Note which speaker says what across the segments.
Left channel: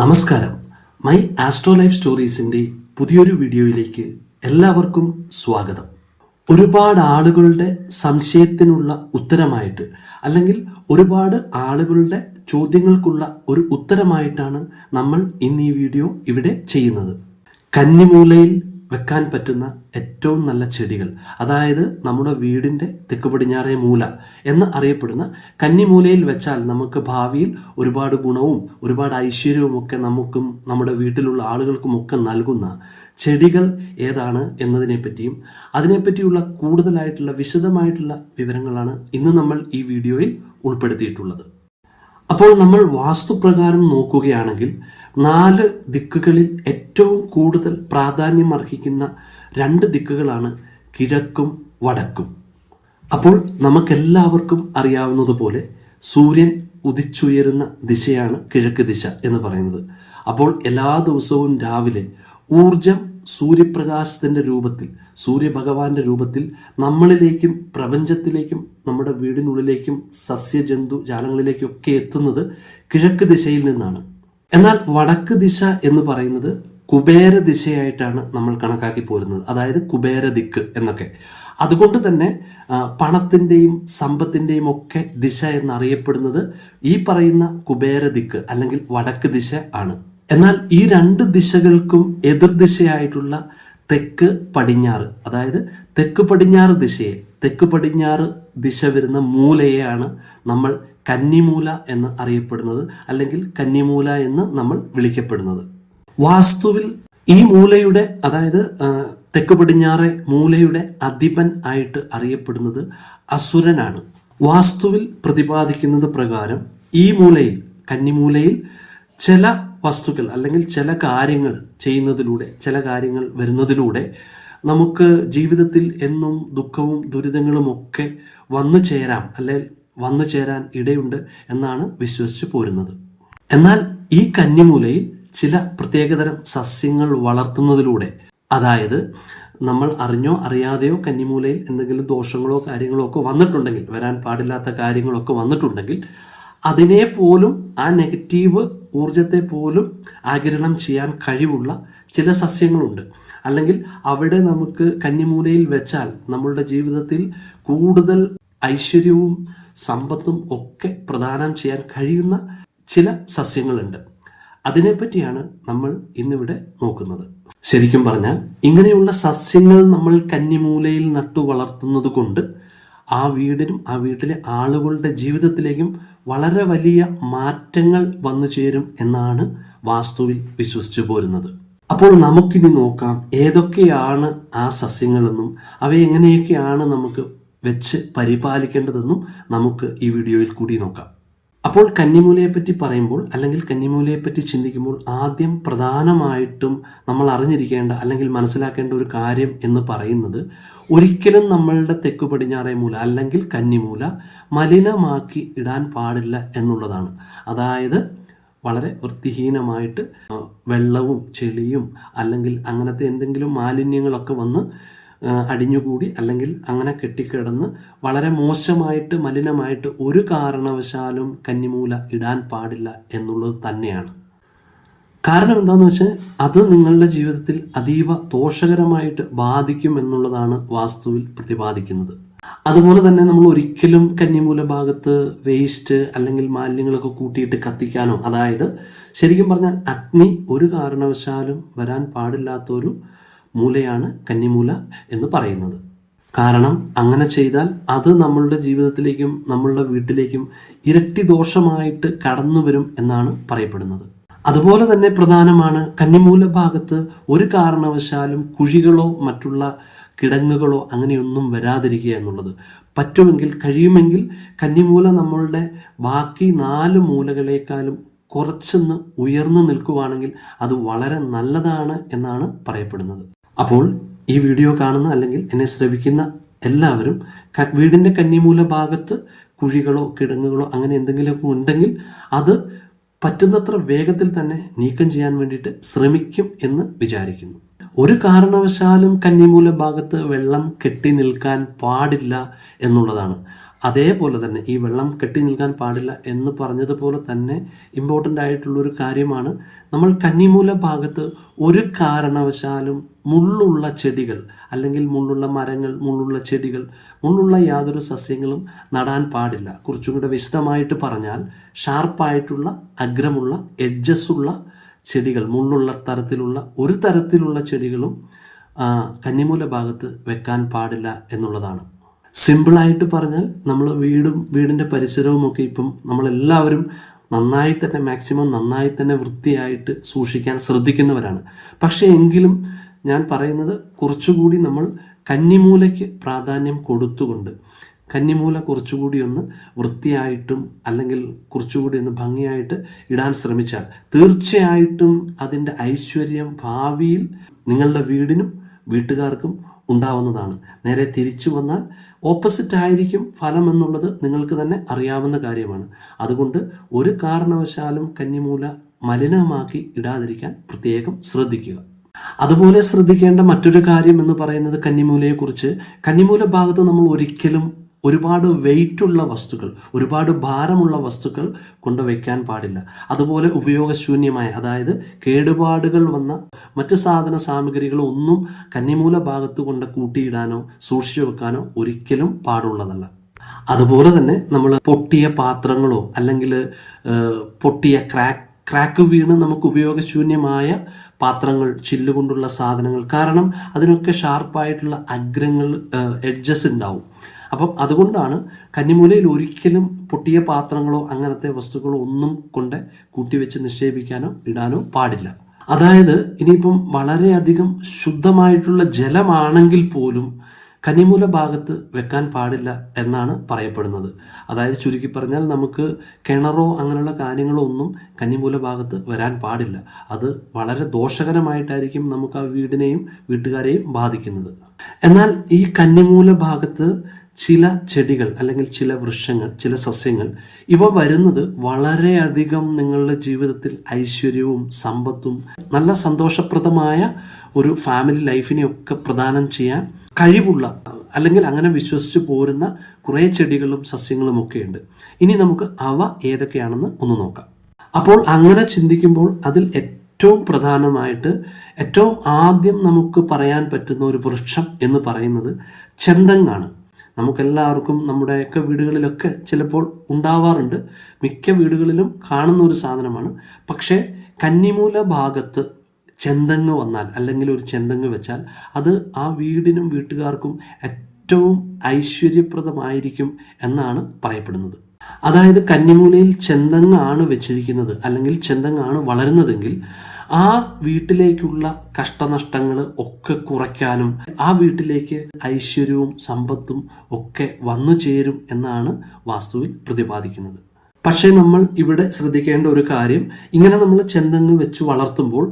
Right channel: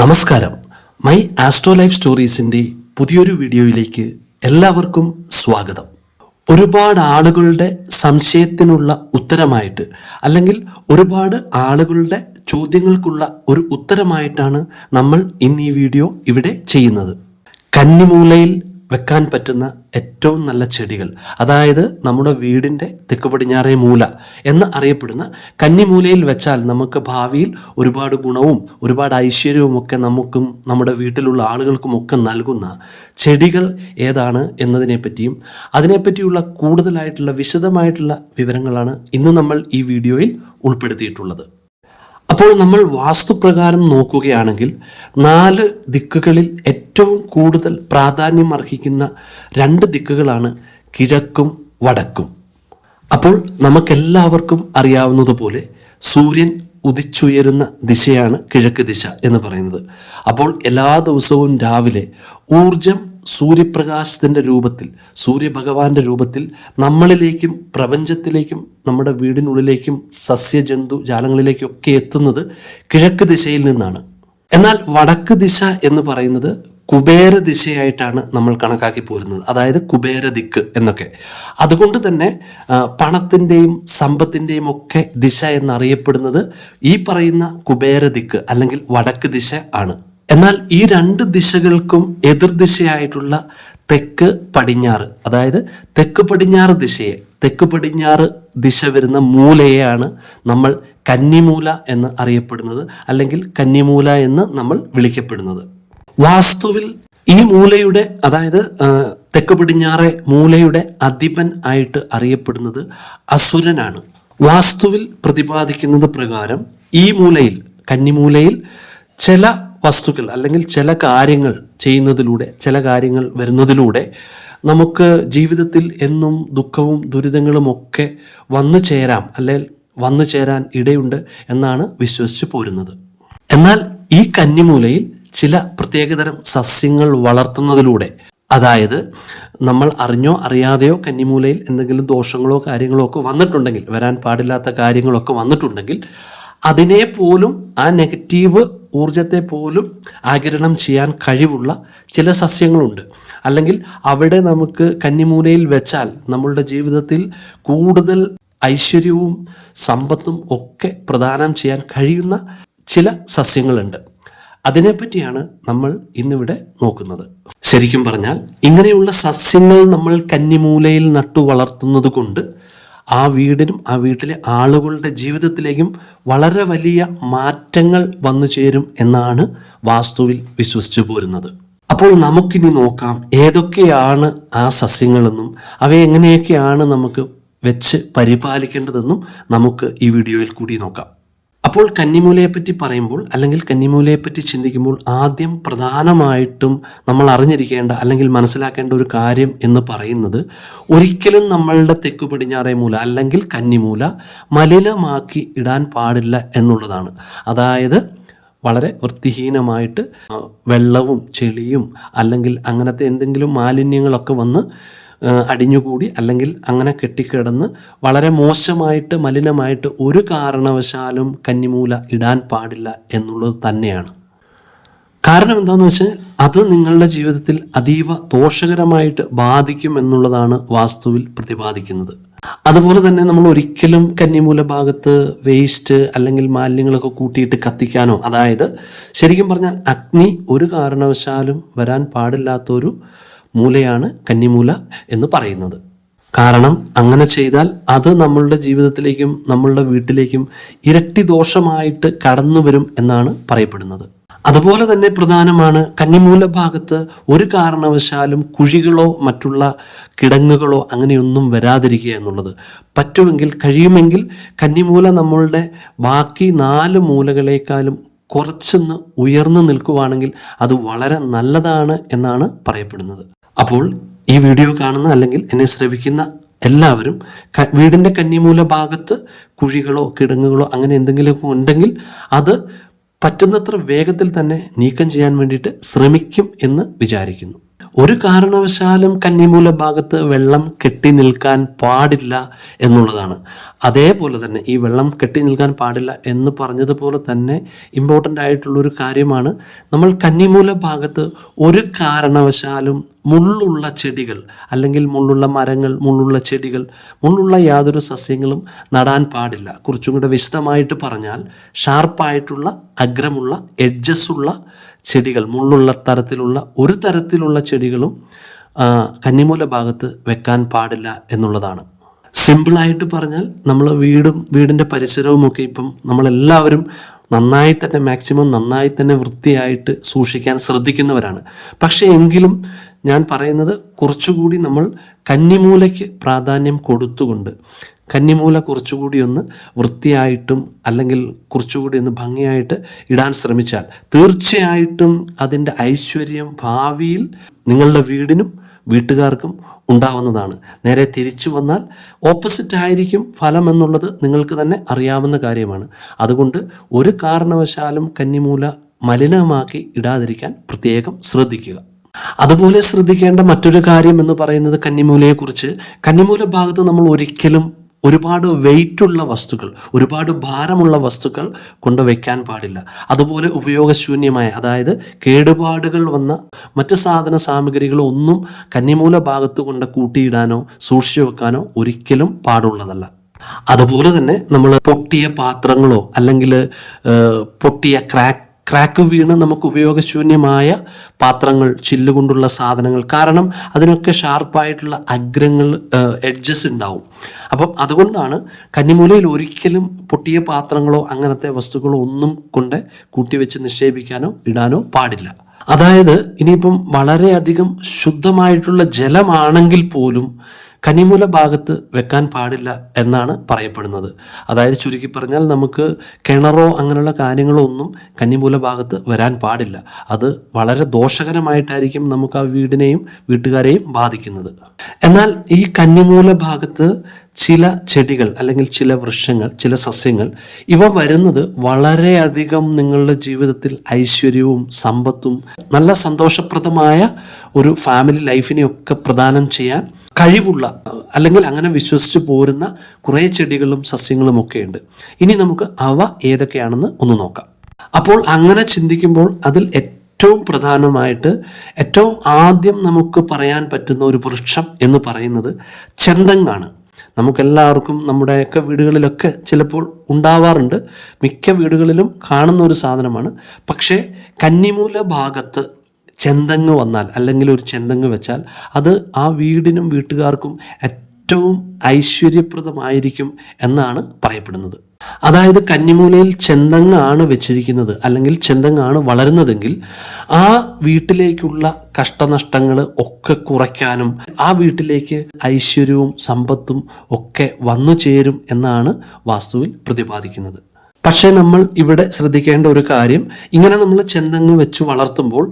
Speaker 1: നമസ്കാരം. My astro life സ്റ്റോറീസിന്റെ പുതിയൊരു വീഡിയോയിലേക്ക് എല്ലാവർക്കും സ്വാഗതം. ഒരുപാട് ആളുകളുടെ സംശയത്തിനുള്ള ഉത്തരമായിട്ട് അല്ലെങ്കിൽ ഒരുപാട് ആളുകളുടെ ചോദ്യങ്ങൾക്കുള്ള ഒരു ഉത്തരമായിട്ടാണ് നമ്മൾ ഇന്ന് ഈ വീഡിയോ ഇവിടെ ചെയ്യുന്നത്. കന്നിമൂലയിൽ വെക്കാൻ പറ്റുന്ന ഏറ്റവും നല്ല ചെടികൾ. അതായത് നമ്മുടെ വീടിന്റെ തെക്ക് പടിഞ്ഞാറേ മൂല എന്ന് അറിയപ്പെടുന്ന കന്നിമൂലയിൽ വെച്ചാൽ നമുക്ക് ഭാവിയിൽ ഒരുപാട് ഗുണവും ഒരുപാട് ഐശ്വര്യവും ഒക്കെ നമുക്കും നമ്മുടെ വീട്ടിലുള്ള ആളുകൾക്കും ഒക്കെ നൽകുന്ന ചെടികൾ ഏതാണ് എന്നതിനെ പറ്റിയും അതിനെപ്പറ്റിയുള്ള കൂടുതലായിട്ടുള്ള വിശദമായിട്ടുള്ള വിവരങ്ങളാണ് ഇന്ന് നമ്മൾ ഈ വീഡിയോയിൽ ഉൾപ്പെടുത്തിയിട്ടുള്ളത്. അപ്പോൾ നമ്മൾ വാസ്തുപ്രകാരം നോക്കുകയാണെങ്കിൽ നാല് ദിക്കുകളിൽ ഏറ്റവും കൂടുതൽ പ്രാധാന്യം അർഹിക്കുന്ന രണ്ട് ദിക്കുകളാണ് കിഴക്കും വടക്കും. അപ്പോൾ നമുക്കെല്ലാവർക്കും അറിയാവുന്നതുപോലെ സൂര്യൻ ഉദിച്ചുയരുന്ന ദിശയാണ് കിഴക്ക് ദിശ എന്ന് പറയുന്നത്. അപ്പോൾ എല്ലാ ദിവസവും രാവിലെ ഊർജം സൂര്യപ്രകാശത്തിന്റെ രൂപത്തിൽ സൂര്യഭഗവാന്റെ രൂപത്തിൽ നമ്മളിലേക്കും പ്രപഞ്ചത്തിലേക്കും നമ്മുടെ വീടിനുള്ളിലേക്കും സസ്യജന്തു ജാലങ്ങളിലേക്കും ഒക്കെ എത്തുന്നത് കിഴക്ക് ദിശയിൽ നിന്നാണ്. എന്നാൽ വടക്ക് ദിശ എന്ന് പറയുന്നത് കുബേര ദിശയായിട്ടാണ് നമ്മൾ കണക്കാക്കി പോരുന്നത്. അതായത് കുബേര ദിക്ക് എന്നൊക്കെ. അതുകൊണ്ട് തന്നെ പണത്തിന്റെയും സമ്പത്തിന്റെയും ഒക്കെ ദിശ എന്നറിയപ്പെടുന്നത് ഈ പറയുന്ന കുബേര ദിക്ക് അല്ലെങ്കിൽ വടക്ക് ദിശ ആണ്. എന്നാൽ ഈ രണ്ട് ദിശകൾക്കും എതിർദിശയായിട്ടുള്ള തെക്ക് പടിഞ്ഞാറ് അതായത് തെക്ക് പടിഞ്ഞാറ് ദിശയെ തെക്ക് പടിഞ്ഞാറ് ദിശ വരുന്ന മൂലയെയാണ് നമ്മൾ കന്നിമൂല എന്ന് അറിയപ്പെടുന്നത് അല്ലെങ്കിൽ കന്നിമൂല എന്ന് നമ്മൾ വിളിക്കപ്പെടുന്നത്. വാസ്തുവിൽ ഈ മൂലയുടെ അതായത് തെക്ക് പടിഞ്ഞാറെ മൂലയുടെ അധിപൻ ആയിട്ട് അറിയപ്പെടുന്നത് അസുരനാണ്. വാസ്തുവിൽ പ്രതിപാദിക്കുന്നത് പ്രകാരം ഈ മൂലയിൽ കന്നിമൂലയിൽ ചില വസ്തുക്കൾ അല്ലെങ്കിൽ ചില കാര്യങ്ങൾ ചെയ്യുന്നതിലൂടെ ചില കാര്യങ്ങൾ വരുന്നതിലൂടെ നമുക്ക് ജീവിതത്തിൽ എന്നും ദുഃഖവും ദുരിതങ്ങളും ഒക്കെ വന്നു ചേരാം അല്ലെങ്കിൽ വന്നു ചേരാൻ ഇടയുണ്ട് എന്നാണ് വിശ്വസിച്ച് പോരുന്നത്. എന്നാൽ ഈ കന്നിമൂലയിൽ ചില പ്രത്യേകതരം സസ്യങ്ങൾ വളർത്തുന്നതിലൂടെ അതായത് നമ്മൾ അറിഞ്ഞോ അറിയാതെയോ കന്നിമൂലയിൽ എന്തെങ്കിലും ദോഷങ്ങളോ കാര്യങ്ങളോ ഒക്കെ വന്നിട്ടുണ്ടെങ്കിൽ വരാൻ പാടില്ലാത്ത കാര്യങ്ങളൊക്കെ വന്നിട്ടുണ്ടെങ്കിൽ അതിനെ പോലും ആ നെഗറ്റീവ് ഊർജത്തെ പോലും ആകിരണം ചെയ്യാൻ കഴിവുള്ള ചില സസ്യങ്ങളുണ്ട്. അല്ലെങ്കിൽ അവിടെ നമുക്ക് കന്നിമൂലയിൽ വെച്ചാൽ നമ്മളുടെ ജീവിതത്തിൽ കൂടുതൽ ഐശ്വര്യവും സമ്പത്തും ഒക്കെ പ്രദാനം ചെയ്യാൻ കഴിയുന്ന ചില സസ്യങ്ങളുണ്ട്. അതിനെപ്പറ്റിയാണ് നമ്മൾ ഇന്നിവിടെ നോക്കുന്നത്. ശരിക്കും പറഞ്ഞാൽ ഇങ്ങനെയുള്ള സസ്യങ്ങൾ നമ്മൾ കന്നിമൂലയിൽ നട്ടു വളർത്തുന്നത് കൊണ്ട് ആ വീടിനും ആ വീട്ടിലെ ആളുകളുടെ ജീവിതത്തിലേക്കും വളരെ വലിയ മാറ്റങ്ങൾ വന്നു ചേരും എന്നാണ് വാസ്തുവിൽ വിശ്വസിച്ചു പോരുന്നത്. അപ്പോൾ നമുക്കിനി നോക്കാം ഏതൊക്കെയാണ് ആ സസ്യങ്ങളെന്നും അവ എങ്ങനെയൊക്കെയാണ് നമുക്ക് വെച്ച് പരിപാലിക്കേണ്ടതെന്നും നമുക്ക് ഈ വീഡിയോയിൽ കൂടി നോക്കാം. അപ്പോൾ കന്നിമൂലയെപ്പറ്റി പറയുമ്പോൾ അല്ലെങ്കിൽ കന്നിമൂലയെപ്പറ്റി ചിന്തിക്കുമ്പോൾ ആദ്യം പ്രധാനമായിട്ടും നമ്മൾ അറിഞ്ഞിരിക്കേണ്ട അല്ലെങ്കിൽ മനസ്സിലാക്കേണ്ട ഒരു കാര്യം എന്ന് പറയുന്നത് ഒരിക്കലും നമ്മളുടെ തെക്കു പടിഞ്ഞാറേ മൂല അല്ലെങ്കിൽ കന്നിമൂല മലിനമാക്കി ഇടാൻ പാടില്ല എന്നുള്ളതാണ്. അതായത് വളരെ വൃത്തിഹീനമായിട്ട് വെള്ളവും ചെളിയും അല്ലെങ്കിൽ അങ്ങനത്തെ എന്തെങ്കിലും മാലിന്യങ്ങളൊക്കെ വന്ന് അടിഞ്ഞുകൂടി അല്ലെങ്കിൽ അങ്ങനെ കെട്ടിക്കിടന്ന് വളരെ മോശമായിട്ട് മലിനമായിട്ട് ഒരു കാരണവശാലും കന്നിമൂല ഇടാൻ പാടില്ല എന്നുള്ളത് തന്നെയാണ്. കാരണം എന്താണെന്ന് വെച്ചാൽ അത് നിങ്ങളുടെ ജീവിതത്തിൽ അതീവ ദോഷകരമായിട്ട് ബാധിക്കും എന്നുള്ളതാണ് വാസ്തുവിൽ പ്രതിപാദിക്കുന്നത്. അതുപോലെ തന്നെ നമ്മൾ ഒരിക്കലും കന്നിമൂല ഭാഗത്ത് വേസ്റ്റ് അല്ലെങ്കിൽ മാലിന്യങ്ങളൊക്കെ കൂട്ടിയിട്ട് കത്തിക്കാനോ അതായത് ശരിക്കും പറഞ്ഞാൽ അഗ്നി ഒരു കാരണവശാലും വരാൻ പാടില്ലാത്തൊരു മൂലയാണ് കന്നിമൂല എന്ന് പറയുന്നത്. കാരണം അങ്ങനെ ചെയ്താൽ അത് നമ്മളുടെ ജീവിതത്തിലേക്കും നമ്മളുടെ വീട്ടിലേക്കും ഇരട്ടി ദോഷമായിട്ട് കടന്നു വരും എന്നാണ് പറയപ്പെടുന്നത്. അതുപോലെ തന്നെ പ്രധാനമാണ് കന്നിമൂല ഭാഗത്ത് ഒരു കാരണവശാലും കുഴികളോ മറ്റുള്ള കിടങ്ങുകളോ അങ്ങനെയൊന്നും വരാതിരിക്കുക എന്നുള്ളത്. പറ്റുമെങ്കിൽ കഴിയുമെങ്കിൽ കന്നിമൂല നമ്മളുടെ ബാക്കി നാല് മൂലകളേക്കാളും കുറച്ചൊന്ന് ഉയർന്നു നിൽക്കുവാണെങ്കിൽ അത് വളരെ നല്ലതാണ് എന്നാണ് പറയപ്പെടുന്നത്. അപ്പോൾ ഈ വീഡിയോ കാണുന്ന അല്ലെങ്കിൽ എന്നെ ശ്രവിക്കുന്ന എല്ലാവരും വീടിന്റെ കന്നിമൂല ഭാഗത്ത് കുഴികളോ കിടങ്ങുകളോ അങ്ങനെ എന്തെങ്കിലുമൊക്കെ ഉണ്ടെങ്കിൽ അത് പറ്റുന്നത്ര വേഗത്തിൽ തന്നെ നീക്കം ചെയ്യാൻ വേണ്ടിയിട്ട് ശ്രമിക്കും എന്ന് വിചാരിക്കുന്നു. ഒരു കാരണവശാലും കന്നിമൂല ഭാഗത്ത് വെള്ളം കെട്ടി നിൽക്കാൻ പാടില്ല എന്നുള്ളതാണ്. അതേപോലെ തന്നെ ഈ വെള്ളം കെട്ടി നിൽക്കാൻ പാടില്ല എന്ന് പറഞ്ഞതുപോലെ തന്നെ ഇമ്പോർട്ടന്റ് ആയിട്ടുള്ളൊരു കാര്യമാണ് നമ്മൾ കന്നിമൂല ഭാഗത്ത് ഒരു കാരണവശാലും മുള്ളുള്ള ചെടികൾ അല്ലെങ്കിൽ മുള്ളുള്ള മരങ്ങൾ മുള്ളുള്ള ചെടികൾ മുള്ളുള്ള യാതൊരു സസ്യങ്ങളും നടാൻ പാടില്ല. കുറച്ചും കൂടെ വിശദമായിട്ട് പറഞ്ഞാൽ ഷാർപ്പായിട്ടുള്ള അഗ്രമുള്ള എഡ്ജസ് ഉള്ള ചെടികൾ മുള്ളുള്ള തരത്തിലുള്ള ഒരു തരത്തിലുള്ള ചെടികളും കന്നിമൂല ഭാഗത്ത് വെക്കാൻ പാടില്ല എന്നുള്ളതാണ്. സിമ്പിളായിട്ട് പറഞ്ഞാൽ നമ്മൾ വീടും വീടിന്റെ പരിസരവും ഒക്കെ ഇപ്പം നമ്മളെല്ലാവരും നന്നായി തന്നെ മാക്സിമം നന്നായി തന്നെ വൃത്തിയായിട്ട് സൂക്ഷിക്കാൻ ശ്രദ്ധിക്കുന്നവരാണ്. പക്ഷേ എങ്കിലും ഞാൻ പറയുന്നത് കുറച്ചുകൂടി നമ്മൾ കന്നിമൂലയ്ക്ക് പ്രാധാന്യം കൊടുത്തുകൊണ്ട് കന്നിമൂല കുറച്ചുകൂടി ഒന്ന് വൃത്തിയായിട്ടും അല്ലെങ്കിൽ കുറച്ചുകൂടി ഒന്ന് ഭംഗിയായിട്ട് ഇടാൻ ശ്രമിച്ചാൽ തീർച്ചയായിട്ടും അതിന്റെ ഐശ്വര്യം ഭാവിയിൽ നിങ്ങളുടെ വീടിനും വീട്ടുകാർക്കും ഉണ്ടാവുന്നതാണ്. നേരെ തിരിച്ചു വന്നാൽ ഓപ്പോസിറ്റ് ആയിരിക്കും ഫലം എന്നുള്ളത് നിങ്ങൾക്ക് തന്നെ അറിയാവുന്ന കാര്യമാണ്. അതുകൊണ്ട് ഒരു കാരണവശാലും കന്നിമൂല മലിനമാക്കി ഇടാതിരിക്കാൻ പ്രത്യേകം ശ്രദ്ധിക്കുക. അതുപോലെ ശ്രദ്ധിക്കേണ്ട മറ്റൊരു കാര്യം എന്ന് പറയുന്നത് കന്നിമൂലയെക്കുറിച്ച്. കന്നിമൂല ഭാഗത്ത് നമ്മൾ ഒരിക്കലും ഒരുപാട് വെയിറ്റുള്ള വസ്തുക്കൾ ഒരുപാട് ഭാരമുള്ള വസ്തുക്കൾ കൊണ്ടുവയ്ക്കാൻ പാടില്ല. അതുപോലെ ഉപയോഗശൂന്യമായ അതായത് കേടുപാടുകൾ വന്ന മറ്റ് സാധന സാമഗ്രികൾ ഒന്നും കന്നിമൂല ഭാഗത്ത് കൊണ്ട് കൂട്ടിയിടാനോ സൂക്ഷിച്ചു വെക്കാനോ ഒരിക്കലും പാടുള്ളതല്ല. അതുപോലെ തന്നെ നമ്മൾ പൊട്ടിയ പാത്രങ്ങളോ അല്ലെങ്കിൽ പൊട്ടിയ ക്രാക്ക് ക്രാക്ക് വീണ് നമുക്ക് ഉപയോഗശൂന്യമായ പാത്രങ്ങൾ ചില്ലുകൊണ്ടുള്ള സാധനങ്ങൾ. കാരണം അതിനൊക്കെ ഷാർപ്പായിട്ടുള്ള അഗ്രങ്ങൾ എഡ്ജസ് ഉണ്ടാവും. അപ്പം അതുകൊണ്ടാണ് കന്നിമൂലയിൽ ഒരിക്കലും പൊട്ടിയ പാത്രങ്ങളോ അങ്ങനത്തെ വസ്തുക്കളോ ഒന്നും കൊണ്ട് കൂട്ടിവെച്ച് നിക്ഷേപിക്കാനോ ഇടാനോ പാടില്ല. അതായത് ഇനിയിപ്പം വളരെയധികം ശുദ്ധമായിട്ടുള്ള ജലമാണെങ്കിൽ പോലും കനിമൂല ഭാഗത്ത് വെക്കാൻ പാടില്ല എന്നാണ് പറയപ്പെടുന്നത്. അതായത് ചുരുക്കി പറഞ്ഞാൽ നമുക്ക് കിണറോ അങ്ങനെയുള്ള കാര്യങ്ങളോ ഒന്നും കന്നിമൂല ഭാഗത്ത് വരാൻ പാടില്ല. അത് വളരെ ദോഷകരമായിട്ടായിരിക്കും നമുക്ക് ആ വീടിനെയും വീട്ടുകാരെയും ബാധിക്കുന്നത്. എന്നാൽ ഈ കന്നിമൂല ഭാഗത്ത് ചില ചെടികൾ അല്ലെങ്കിൽ ചില വൃക്ഷങ്ങൾ ചില സസ്യങ്ങൾ ഇവ വരുന്നത് വളരെയധികം നിങ്ങളുടെ ജീവിതത്തിൽ ഐശ്വര്യവും സമ്പത്തും നല്ല സന്തോഷപ്രദമായ ഒരു ഫാമിലി ലൈഫിനെയൊക്കെ പ്രദാനം ചെയ്യാൻ കഴിവുള്ള അല്ലെങ്കിൽ അങ്ങനെ വിശ്വസിച്ച് പോരുന്ന കുറേ ചെടികളും സസ്യങ്ങളും ഒക്കെ ഉണ്ട് ഇനി നമുക്ക് അവ ഏതൊക്കെയാണെന്ന് ഒന്ന് നോക്കാം. അപ്പോൾ അങ്ങനെ ചിന്തിക്കുമ്പോൾ അതിൽ ഏറ്റവും പ്രധാനമായിട്ട് ഏറ്റവും ആദ്യം നമുക്ക് പറയാൻ പറ്റുന്ന ഒരു വൃക്ഷം എന്ന് പറയുന്നത് ചെന്തങ്ങാണ്. നമുക്കെല്ലാവർക്കും നമ്മുടെയൊക്കെ വീടുകളിലൊക്കെ ചിലപ്പോൾ ഉണ്ടാവാറുണ്ട്. മിക്ക വീടുകളിലും കാണുന്ന ഒരു സാധനമാണ്. പക്ഷേ കന്നിമൂല ഭാഗത്ത് ചെന്തങ്ങ് വന്നാൽ അല്ലെങ്കിൽ ഒരു ചെന്തങ്ങ് വെച്ചാൽ അത് ആ വീടിനും വീട്ടുകാർക്കും ഏറ്റവും ഐശ്വര്യപ്രദമായിരിക്കും എന്നാണ് പറയപ്പെടുന്നത്. അതായത് കന്നിമൂലയിൽ ചെന്തങ്ങാണ് വെച്ചിരിക്കുന്നത് അല്ലെങ്കിൽ ചെന്തങ്ങാണ് വളരുന്നതെങ്കിൽ ആ വീട്ടിലേക്കുള്ള കഷ്ടനഷ്ടങ്ങൾ ഒക്കെ കുറയ്ക്കാനും ആ വീട്ടിലേക്ക് ഐശ്വര്യവും സമ്പത്തും ഒക്കെ വന്നു ചേരും എന്നാണ് വാസ്തുവിൽ പ്രതിപാദിക്കുന്നത്. പക്ഷേ നമ്മൾ ഇവിടെ ശ്രദ്ധിക്കേണ്ട ഒരു കാര്യം ഇങ്ങനെ നമ്മൾ ചെന്നങ്ങ് വെച്ച് വളർത്തുമ്പോൾ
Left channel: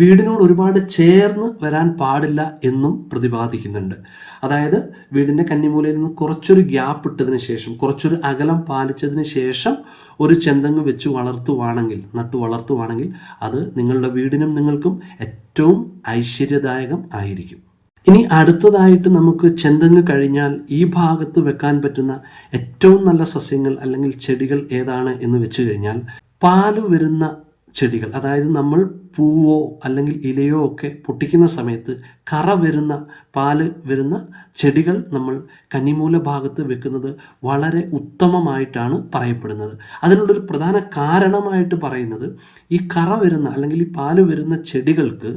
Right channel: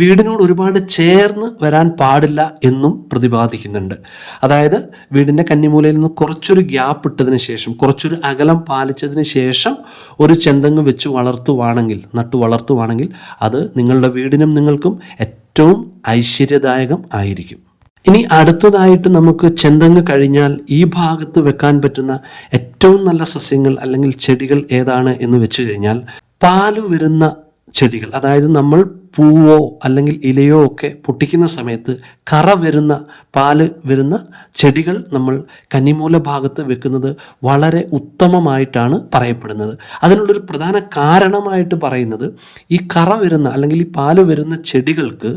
Speaker 1: വീടിനോട് ഒരുപാട് ചേർന്ന് വരാൻ പാടില്ല എന്നും പ്രതിപാദിക്കുന്നുണ്ട്. അതായത് വീടിന്റെ കന്നിമൂലയിൽ നിന്ന് കുറച്ചൊരു ഗ്യാപ്പ് ഇട്ടതിന് ശേഷം കുറച്ചൊരു അകലം പാലിച്ചതിന് ശേഷം ഒരു ചെന്തങ്ങ് വെച്ച് വളർത്തുവാണെങ്കിൽ നട്ടു വളർത്തുവാണെങ്കിൽ അത് നിങ്ങളുടെ വീടിനും നിങ്ങൾക്കും ഏറ്റവും ഐശ്വര്യദായകം ആയിരിക്കും. ഇനി അടുത്തതായിട്ട് നമുക്ക് ചെന്തങ്ങ് കഴിഞ്ഞാൽ ഈ ഭാഗത്ത് വെക്കാൻ പറ്റുന്ന ഏറ്റവും നല്ല സസ്യങ്ങൾ അല്ലെങ്കിൽ ചെടികൾ ഏതാണ് എന്ന് വെച്ച് കഴിഞ്ഞാൽ പാൽ വരുന്ന ചെടികൾ. അതായത് നമ്മൾ പൂവോ അല്ലെങ്കിൽ ഇലയോ ഒക്കെ പൊട്ടിക്കുന്ന സമയത്ത് കറ വരുന്ന പാൽ വരുന്ന ചെടികൾ നമ്മൾ കന്നിമൂല ഭാഗത്ത് വെക്കുന്നത് വളരെ ഉത്തമമായിട്ടാണ് പറയപ്പെടുന്നത്. അതിനുള്ളൊരു പ്രധാന കാരണമായിട്ട് പറയുന്നത് ഈ കറ വരുന്ന അല്ലെങ്കിൽ ഈ പാൽ വരുന്ന ചെടികൾക്ക്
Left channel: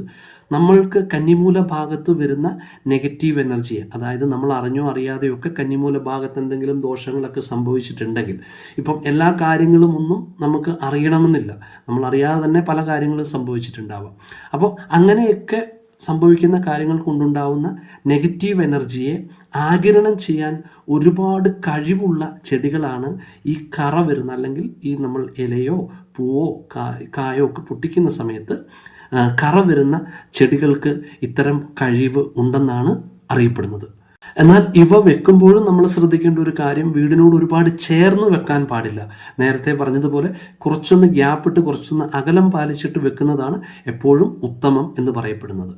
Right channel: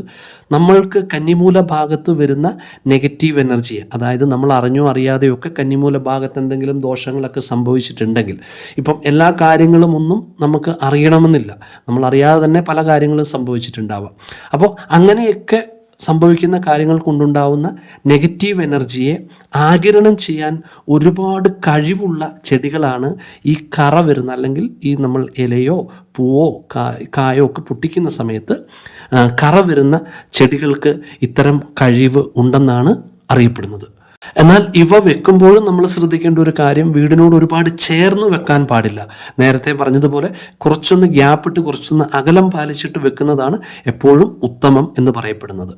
Speaker 1: നമ്മൾക്ക് കന്നിമൂല ഭാഗത്ത് വരുന്ന നെഗറ്റീവ് എനർജി അതായത് നമ്മൾ അറിഞ്ഞോ അറിയാതെയോ ഒക്കെ കന്നിമൂല ഭാഗത്ത് എന്തെങ്കിലും ദോഷങ്ങളൊക്കെ സംഭവിച്ചിട്ടുണ്ടെങ്കിൽ ഇപ്പം എല്ലാ കാര്യങ്ങളും ഒന്നും നമുക്ക് അറിയണമെന്നില്ല. നമ്മൾ അറിയാതെ തന്നെ പല കാര്യങ്ങളും സംഭവിച്ചിട്ടുണ്ടാവാം അപ്പോൾ അങ്ങനെയൊക്കെ സംഭവിക്കുന്ന കാര്യങ്ങൾ കൊണ്ടുണ്ടാവുന്ന നെഗറ്റീവ് എനർജിയെ ആകിരണം ചെയ്യാൻ ഒരുപാട് കഴിവുള്ള ചെടികളാണ് ഈ കറ വരുന്ന അല്ലെങ്കിൽ ഈ നമ്മൾ ഇലയോ പൂവോ കായോ ഒക്കെ പൊട്ടിക്കുന്ന സമയത്ത് കറ വരുന്ന ചെടികൾക്ക് ഇത്തരം കഴിവ് ഉണ്ടെന്നാണ് അറിയപ്പെടുന്നത്. എന്നാൽ ഇവ വെക്കുമ്പോഴും നമ്മൾ ശ്രദ്ധിക്കേണ്ട ഒരു കാര്യം വീടിനോട് ഒരുപാട് ചേർന്ന് വെക്കാൻ പാടില്ല. നേരത്തെ പറഞ്ഞതുപോലെ കുറച്ചൊന്ന് ഗ്യാപ്പിട്ട് കുറച്ചൊന്ന് അകലം പാലിച്ചിട്ട് വെക്കുന്നതാണ് എപ്പോഴും ഉത്തമം എന്ന് പറയപ്പെടുന്നത്.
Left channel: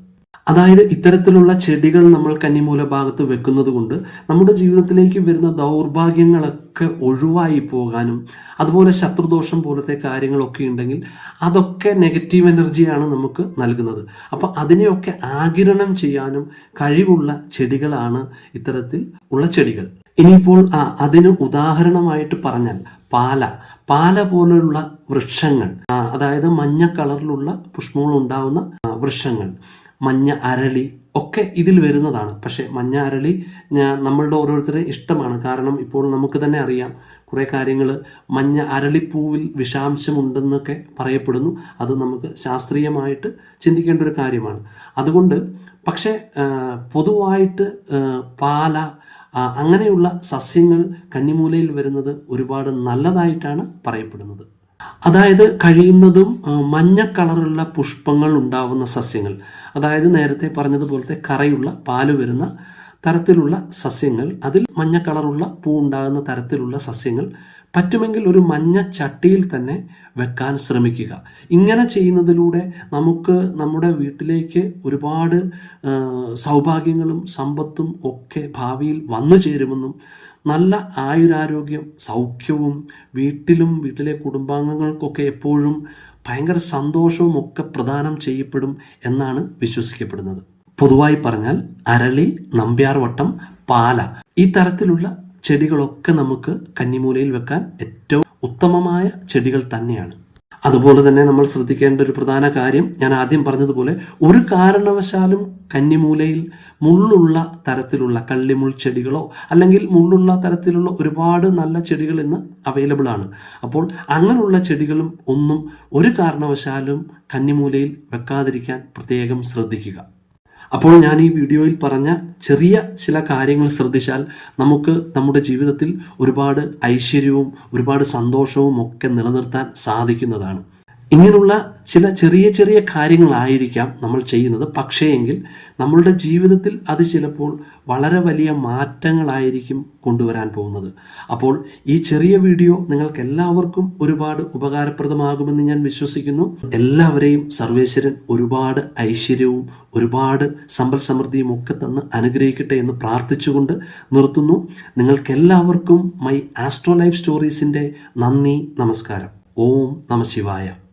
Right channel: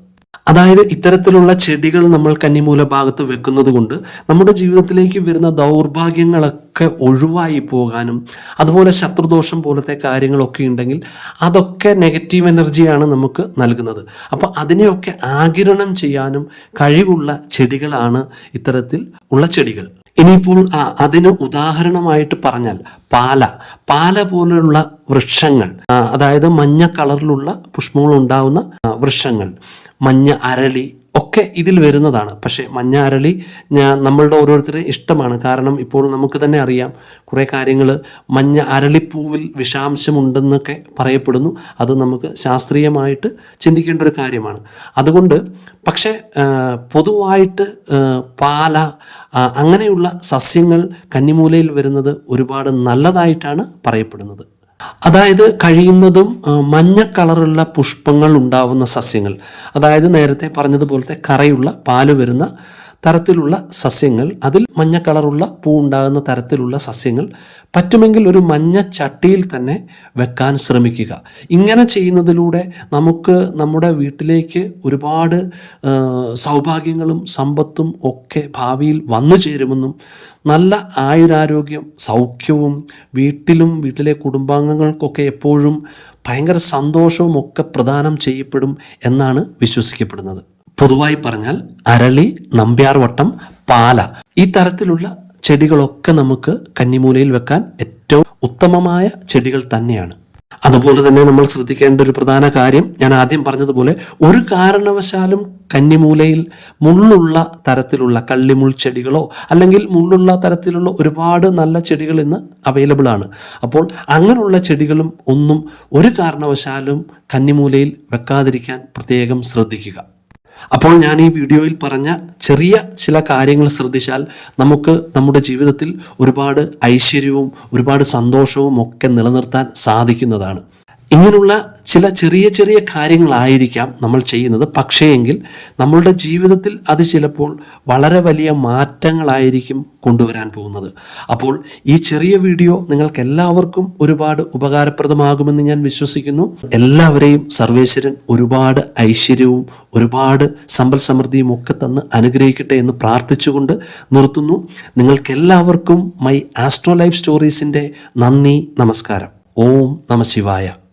Speaker 1: അതായത് ഇത്തരത്തിലുള്ള ചെടികൾ നമ്മൾ കന്നിമൂല ഭാഗത്ത് വെക്കുന്നത് കൊണ്ട് നമ്മുടെ ജീവിതത്തിലേക്ക് വരുന്ന ദൗർഭാഗ്യങ്ങളൊക്കെ ഒഴിവായി പോകാനും അതുപോലെ ശത്രുദോഷം പോലത്തെ കാര്യങ്ങളൊക്കെ ഉണ്ടെങ്കിൽ അതൊക്കെ നെഗറ്റീവ് എനർജിയാണ് നമുക്ക് നൽകുന്നത്. അപ്പോൾ അതിനെയൊക്കെ ആകിരണം ചെയ്യാനും കഴിവുള്ള ചെടികളാണ് ഇത്തരത്തിൽ ഉള്ള ചെടികൾ. ഇനിയിപ്പോൾ അതിന് ഉദാഹരണമായിട്ട് പറഞ്ഞാൽ പാല. പാല പോലെയുള്ള വൃക്ഷങ്ങൾ അതായത് മഞ്ഞ കളറിലുള്ള പുഷ്പങ്ങൾ ഉണ്ടാവുന്ന വൃക്ഷങ്ങൾ. മഞ്ഞ അരളി ഒക്കെ ഇതിൽ വരുന്നതാണ്. പക്ഷേ മഞ്ഞ അരളി ഞാൻ നമ്മളുടെ ഓരോരുത്തരും ഇഷ്ടമാണ്. കാരണം ഇപ്പോൾ നമുക്ക് തന്നെ അറിയാം കുറേ കാര്യങ്ങൾ മഞ്ഞ അരളിപ്പൂവിൽ വിഷാംശമുണ്ടെന്നൊക്കെ പറയപ്പെടുന്നു. അത് നമുക്ക് ശാസ്ത്രീയമായിട്ട് ചിന്തിക്കേണ്ട ഒരു കാര്യമാണ്. അതുകൊണ്ട് പക്ഷേ പൊതുവായിട്ട് പാല അങ്ങനെയുള്ള സസ്യങ്ങൾ കന്നിമൂലയിൽ വരുന്നത് ഒരുപാട് നല്ലതായിട്ടാണ് പറയപ്പെടുന്നത്. അതായത് കഴിയുന്നതും മഞ്ഞ കളറുള്ള പുഷ്പങ്ങൾ ഉണ്ടാവുന്ന സസ്യങ്ങൾ. അതായത് നേരത്തെ പറഞ്ഞതുപോലത്തെ കറയുള്ള പാൽ വരുന്ന തരത്തിലുള്ള സസ്യങ്ങൾ അതിൽ മഞ്ഞ കളറുള്ള പൂ ഉണ്ടാകുന്ന തരത്തിലുള്ള സസ്യങ്ങൾ പറ്റുമെങ്കിൽ ഒരു മഞ്ഞ ചട്ടിയിൽ തന്നെ വെക്കാൻ ശ്രമിക്കുക. ഇങ്ങനെ ചെയ്യുന്നതിലൂടെ നമുക്ക് നമ്മുടെ വീട്ടിലേക്ക് ഒരുപാട് സൗഭാഗ്യങ്ങളും സമ്പത്തും ഒക്കെ ഭാവിയിൽ വന്നു ചേരുമെന്നും നല്ല ആയുരാരോഗ്യം സൗഖ്യവും വീട്ടിലും വീട്ടിലെ കുടുംബാംഗങ്ങൾക്കൊക്കെ എപ്പോഴും ഭയങ്കര സന്തോഷവും ഒക്കെ പ്രദാനം ചെയ്യപ്പെടും എന്നാണ് വിശ്വസിക്കപ്പെടുന്നത്. പൊതുവായി പറഞ്ഞാൽ അരളി നമ്പ്യാർവട്ടം പാല ഈ തരത്തിലുള്ള ചെടികളൊക്കെ നമുക്ക് കന്നിമൂലയിൽ വെക്കാൻ ഏറ്റവും ഉത്തമമായ ചെടികൾ തന്നെയാണ്. അതുപോലെ തന്നെ നമ്മൾ ശ്രദ്ധിക്കേണ്ട ഒരു പ്രധാന കാര്യം ഞാൻ ആദ്യം പറഞ്ഞതുപോലെ ഒരു കാരണവശാലും കന്നിമൂലയിൽ മുള്ളുള്ള തരത്തിലുള്ള കള്ളിമുൾ ചെടികളോ അല്ലെങ്കിൽ മുള്ളുള്ള തരത്തിലുള്ള ഒരുപാട് നല്ല ചെടികൾ ഇന്ന് അവൈലബിൾ ആണ്. അപ്പോൾ അങ്ങനെയുള്ള ചെടികളും ഒന്നും ഒരു കാരണവശാലും കന്നിമൂലയിൽ വെക്കാതിരിക്കാൻ പ്രത്യേകം ശ്രദ്ധിക്കുക. അപ്പോൾ ഞാൻ ഈ വീഡിയോയിൽ പറഞ്ഞ ചെറിയ ചില കാര്യങ്ങൾ ശ്രദ്ധിച്ചാൽ നമുക്ക് നമ്മുടെ ജീവിതത്തിൽ ഒരുപാട് ഐശ്വര്യവും ഒരുപാട് സന്തോഷവും ഒക്കെ നിലനിർത്താൻ സാധിക്കുന്നതാണ്. ഇങ്ങനെയുള്ള ചില ചെറിയ ചെറിയ കാര്യങ്ങളായിരിക്കാം നമ്മൾ ചെയ്യുന്നത്. പക്ഷേ എങ്കിൽ നമ്മളുടെ ജീവിതത്തിൽ അത് ചിലപ്പോൾ വളരെ വലിയ മാറ്റങ്ങളായിരിക്കും കൊണ്ടുവരാൻ പോകുന്നത്. അപ്പോൾ ഈ ചെറിയ വീഡിയോ നിങ്ങൾക്ക് എല്ലാവർക്കും ഒരുപാട് ഉപകാരപ്രദമാകുമെന്ന് ഞാൻ വിശ്വസിക്കുന്നു. എല്ലാവരെയും സർവേശ്വരൻ ഒരുപാട് ഐശ്വര്യവും ഒരുപാട് സമ്പൽ സമൃദ്ധിയും ഒക്കെ തന്ന് അനുഗ്രഹിക്കട്ടെ എന്ന് പ്രാർത്ഥിച്ചുകൊണ്ട് നിർത്തുന്നു. നിങ്ങൾക്കെല്ലാവർക്കും മൈ ആസ്ട്രോ ലൈഫ് സ്റ്റോറീസിന്റെ നന്ദി നമസ്കാരം. ഓം നമ ശിവായ.